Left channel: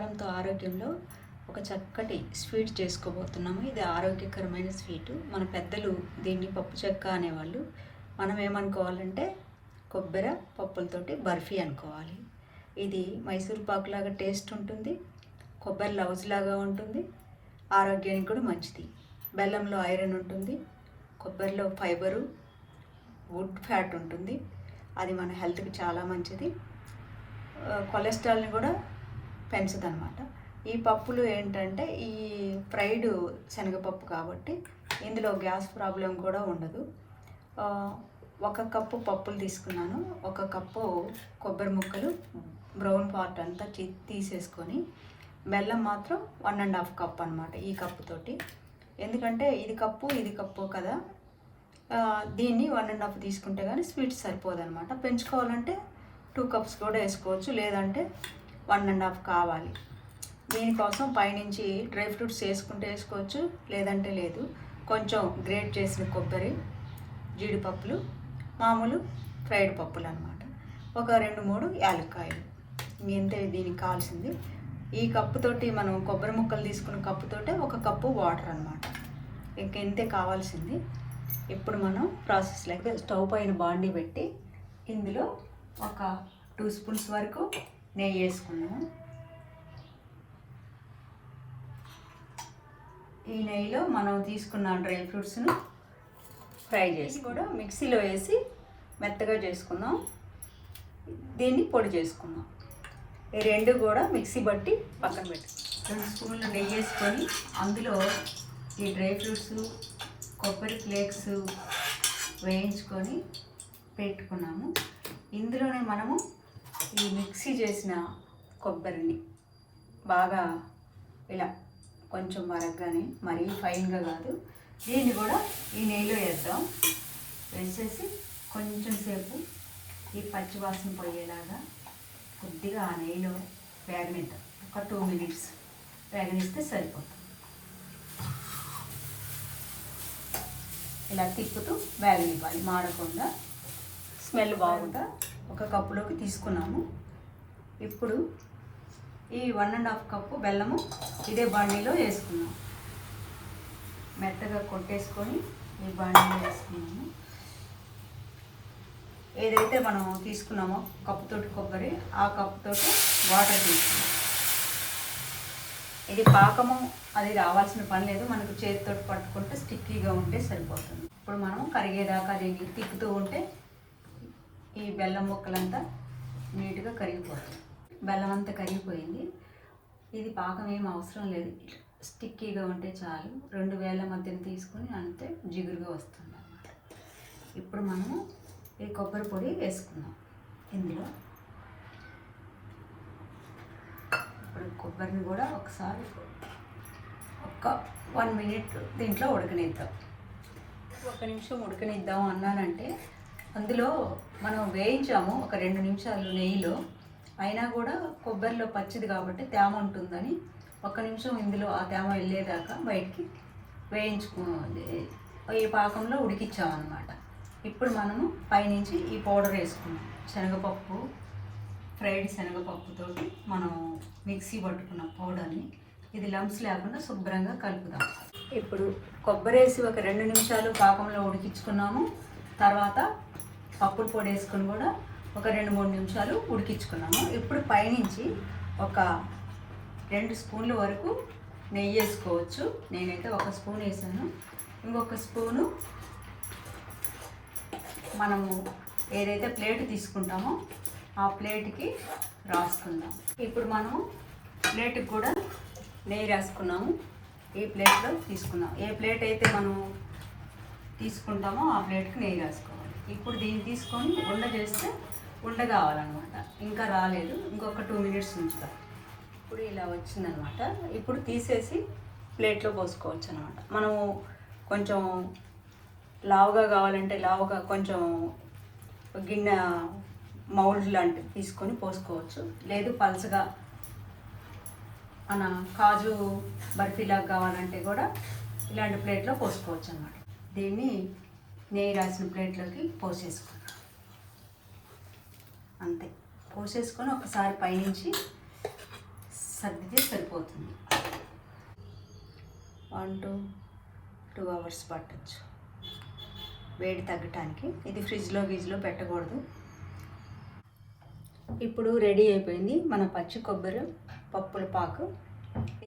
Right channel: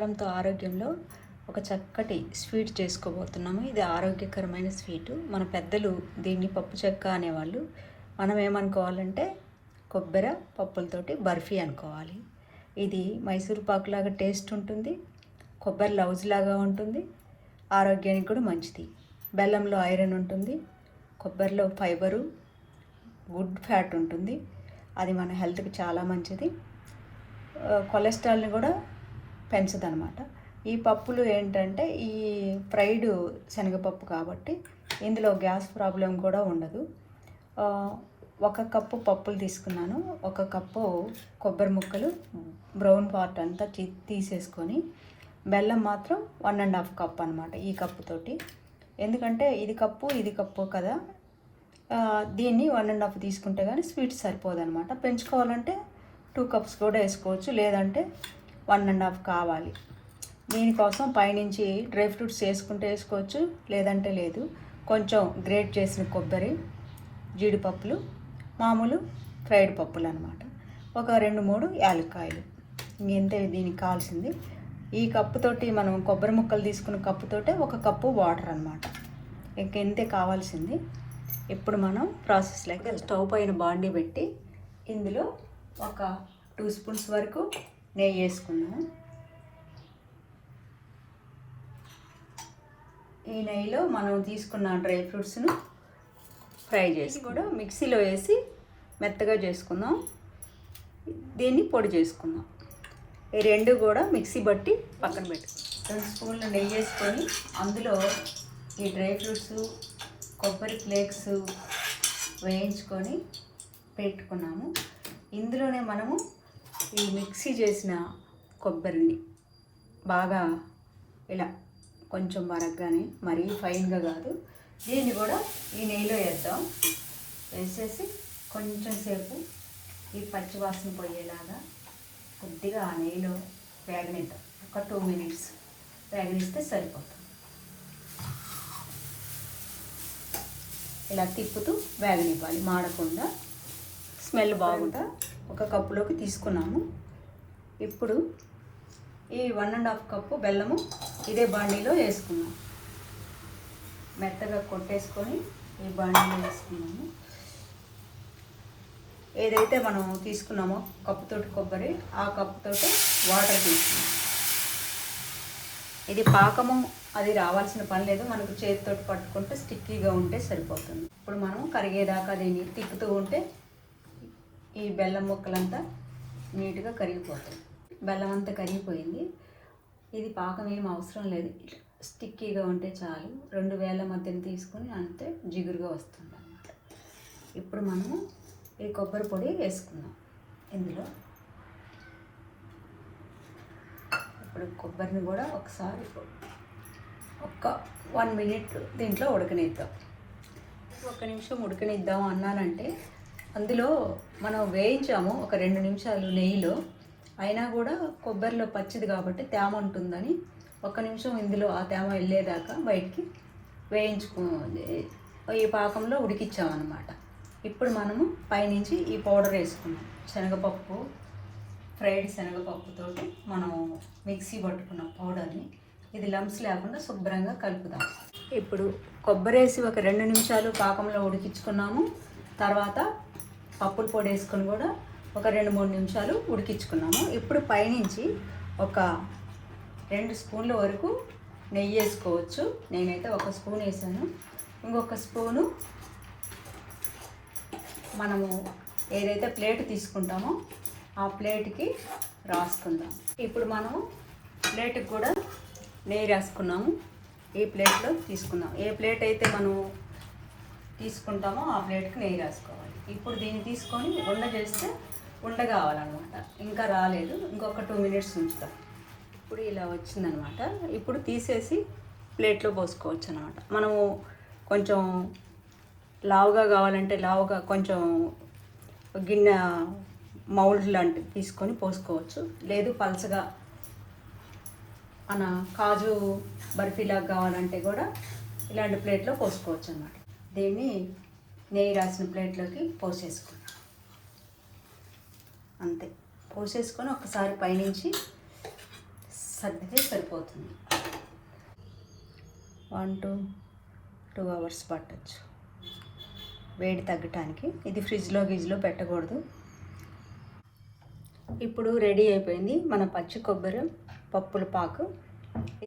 ఆహారంతో ఆరోగ్యంలో ఒక చక్కటి స్వీట్ చేసుకోబోతున్నాము. ఇది ఆరోగ్యకరమైన స్వీటు. మన పెద్దలు దీన్ని పప్పు చెక్క అనేవాళ్ళు. మనం ఏమనుకోవాలంటే కొబ్బరి పప్పులతోటి బర్ఫీ అనుకోవాలి. ఇది మైసూర్ పాకులాగా టేస్ట్ ఉంటుంది, కొబ్బరి లౌజ్ లాగా ఉంటుంది, ఆరోగ్యానికి కూడా మంచిది. బెల్లంలో ఐరన్ ఉంటుంది, కొబ్బరిలో ఫైబరు, గుడ్ ఫ్యాట్ ఉంటుంది. అది మన హెల్త్కి చాలా మంచిది. కొలెస్ట్రాల్ని కూడా పెంచదన్నమాట. ఈ పప్పులు ఏంటంటే ఈ ఫ్రైడ్ శనగపప్పు కాబట్టి ఇందులో గ్యాస్ ప్రాబ్లం కూడా ఉండదు. 1 కప్పు పప్పులు తీసుకున్నాను. 1 కప్పు కొబ్బరి ముక్కలు బ్రౌన్ పార్ట్ అంతా తీసేసుకొని, బెల్లం మాత్రం 1.5 కప్ అనమాట ఈ కప్పుతోటి. ఎందుకంటే ఇది కప్పు కదా, దీన్ని 1.5 తీసుకుంటే కానీ స్వీట్ సరిపోదన్నమాట. పెంచుకోవాలంటే 2 కప్స్ కూడా వేసుకోవచ్చు, లేదంటే 1.5 కావాలి. దీనికోసం పైనుంచి డ్రై ఫ్రూట్స్ వేసుకుంటే వేసుకోవచ్చు, లేదంటే లేదు. కొంచెం గ్రేట్ చేసిన కొబ్బరి, జీడిపప్పులు, మామూలు ఫ్రైడ్ పప్పులు అనమాట. ఒక 2-3 యాలక్కాయలు. ఇంతే దీనికి కావాల్సింది. ఈ కప్పుతోటి మనం కొబ్బరి ముక్కలు తీసుకున్న కప్పుతోటే 1 కప్పు వాటర్ అనమాట. ఇంకెంతే కావాల్సింది. ఇప్పుడు మనం ప్రాసెస్లో స్టవ్ పైన బాండీ పెట్టి ఇందులో ఒక 2 స్పూన్స్ వరకు నెయ్యి వేసుకున్నాము. ఈ నెయ్యిలో మనం తీసుకున్న డ్రై ఫ్రూట్స్ను ఫ్రై చేసి కూడా మిక్సీలో వేసి మెత్తగా చేసుకుందాం. దీన్ని పొడి చేసుకుందాం. ఈ 2 కూడా మిక్సీ బట్టి పక్కన పెట్టి 2 స్పూన్ల నెయ్యి వేసుకొని అందులో ఈ డ్రై ఫ్రూట్స్, కొబ్బరి ఫ్లేక్స్ వేయించుకొని పెట్టుకున్నాము. ఇందులోనే మనము ఈ మిక్సీ చేసిన కొబ్బరిని బాగా ఇలా కొంచెం మరగ్గానే, మరీ ఫైన్గా కాదు, దీన్ని కూడా ఈ నెయ్యిలో వేద్దాం. వేసేసి కొంచెం సేపు ఈ పచ్చివాసన పోయేలాగా కొద్దిగా ఆ నెయ్యిలో వేగనిద్దాం. ఒక 2 మినిట్స్ వేగనిస్తే సరిపోతుంది. ఇలా తిప్పుతూ వేగనివ్వాలి, మాడకుండా. స్మెల్ బాగుందా. 1 కప్పులోకి తీసుకున్నాము. ఇప్పుడు ఈ 1.5 కప్పు బెల్లము ఇదే బాండీలో వేసుకున్నాము. మెత్తగా కొట్టేసుకొని ఈ బాండీలో వేసుకున్నాము. ఏదైతే మనం తీసుకున్నామో కప్పుతోటి కొబ్బరి, ఆ కప్పుతోటి వాటర్ తీసుకున్నాం. ఇది పాకము అది రావాల్సిన పని లేదు, మనకు చేతితోటి పట్టుకుంటే స్టిక్కీగా ఉంటే సరిపోతుంది. ఇప్పుడు మనం కరిగేదాకా దీన్ని తిప్పుతూ ఉంటే ఈ బెల్లం ముక్కలంతా నీట్గా కరిగిపోతుంది. బెల్లం అంతా కరిగిపోయింది. ఇది పాకం ఏం అవసరం లేదు, స్టిక్కీగా ఉంటే చాలు. 2 వేల మధ్యన తీసుకొని అంతే జిగురుగా వస్తుంది అన్నమాట. ఇప్పుడు మనము ఈ కొబ్బరి పొడి వేసుకున్నాం ఇందులో. ఇప్పుడు కొబ్బరిని కూడా ఒకసారి ఒక 1 మినిట్ దీంట్లో ఉడకనిద్దాం. 1 నిమిషం ఉడకనిద్దాం అన్నానంటే అందులో మనం వేయించాము ఒక 2 నిమిషాలు నెయ్యిలో. అయినా కూడా కొబ్బరిలో పచ్చిది కాబట్టి తేమ ఉంటుందని 1 నిమిషం ఇందులో ఆ తేమ వెళ్ళేదాకా బయటికి ఈ పాకంలో ఉడికించామన్నమాట. ఇప్పుడు మనము పైనుంచి ఈ పౌడర్ వేసుకున్నాం. శనగపప్పు, ఫ్రైడ్ శనగపప్పుతోటి మనం మిక్సీ పట్టుకున్న పౌడర్ని ఇది లంప్స్ లేకుండా శుభ్రంగా కలుపుదాం. ఇప్పుడు కొబ్బరి వేసి ఒక 2 నిమిషాలు పాకంలో ఉడికించుకున్నాము. తర్వాత పప్పుల పొడి వేసుకొని కూడా ఒక 2-3 నిమిషాలు ఉడికించుకున్నాము. ఇప్పుడు పైనుంచి ఒక 2 స్పూన్ల వరకు నెయ్యి వేసుకోవచ్చు. నేనైతే 1 స్పూన్ వేసాను. ఇంకొక స్పూను మనము ఏదైతే ప్లేట్ తీసుకుంటామో ఆ ప్లేట్కి రాసుకుందాం. ఇప్పుడు మనం ప్లేట్కి కూడా నెయ్యి రాసుకున్నాము. ఈ ప్లేట్లో తీసుకున్నాం. ఏ ప్లేట్ అయితే మనం తీసుకుంటామో ఆ ప్లేట్కి నెయ్యి రాసుకోవాలి. ఇప్పుడు దీన్ని తీసుకొని ఉండ చేస్తే ఉండ కావాలన్నమాట. ఇంకా రాలేదు, ఇంకొక 2 మినిట్స్ ఉంచుతాం. ఇప్పుడు ఇలా వచ్చిందనమాట. ఇప్పుడు తీసేసి ప్లేట్లో పోసుకోవచ్చు అనమాట. మనము కొంచెం లావుగా కావాలంటే లావుగా కొంచెం గిన్నె మౌల్డ్ లాంటివి తీసుకొని పోసుకోవచ్చు. లేదు పలచగా మన కాజు బర్ఫీలాగా కావాలంటే కూడా ఇలాంటి ప్లేట్లో పోసుకోవచ్చు అన్నమాట. దీన్ని నెయ్యి రాసిన ప్లేట్లోకి పోసేసుకుంటాం. అంతే. పోసేసుకొని ఒకసారి పైనుంచి సర్దితే సరిపోతుంది. 1 to 2 hours పట్టచ్చు వేడి తగ్గటానికి. ఇది ఫ్రిడ్జ్లో పెట్టకూడదు. ఇప్పుడు రెడీ అయిపోయింది మన పచ్చి కొబ్బరి పప్పుల పాకు.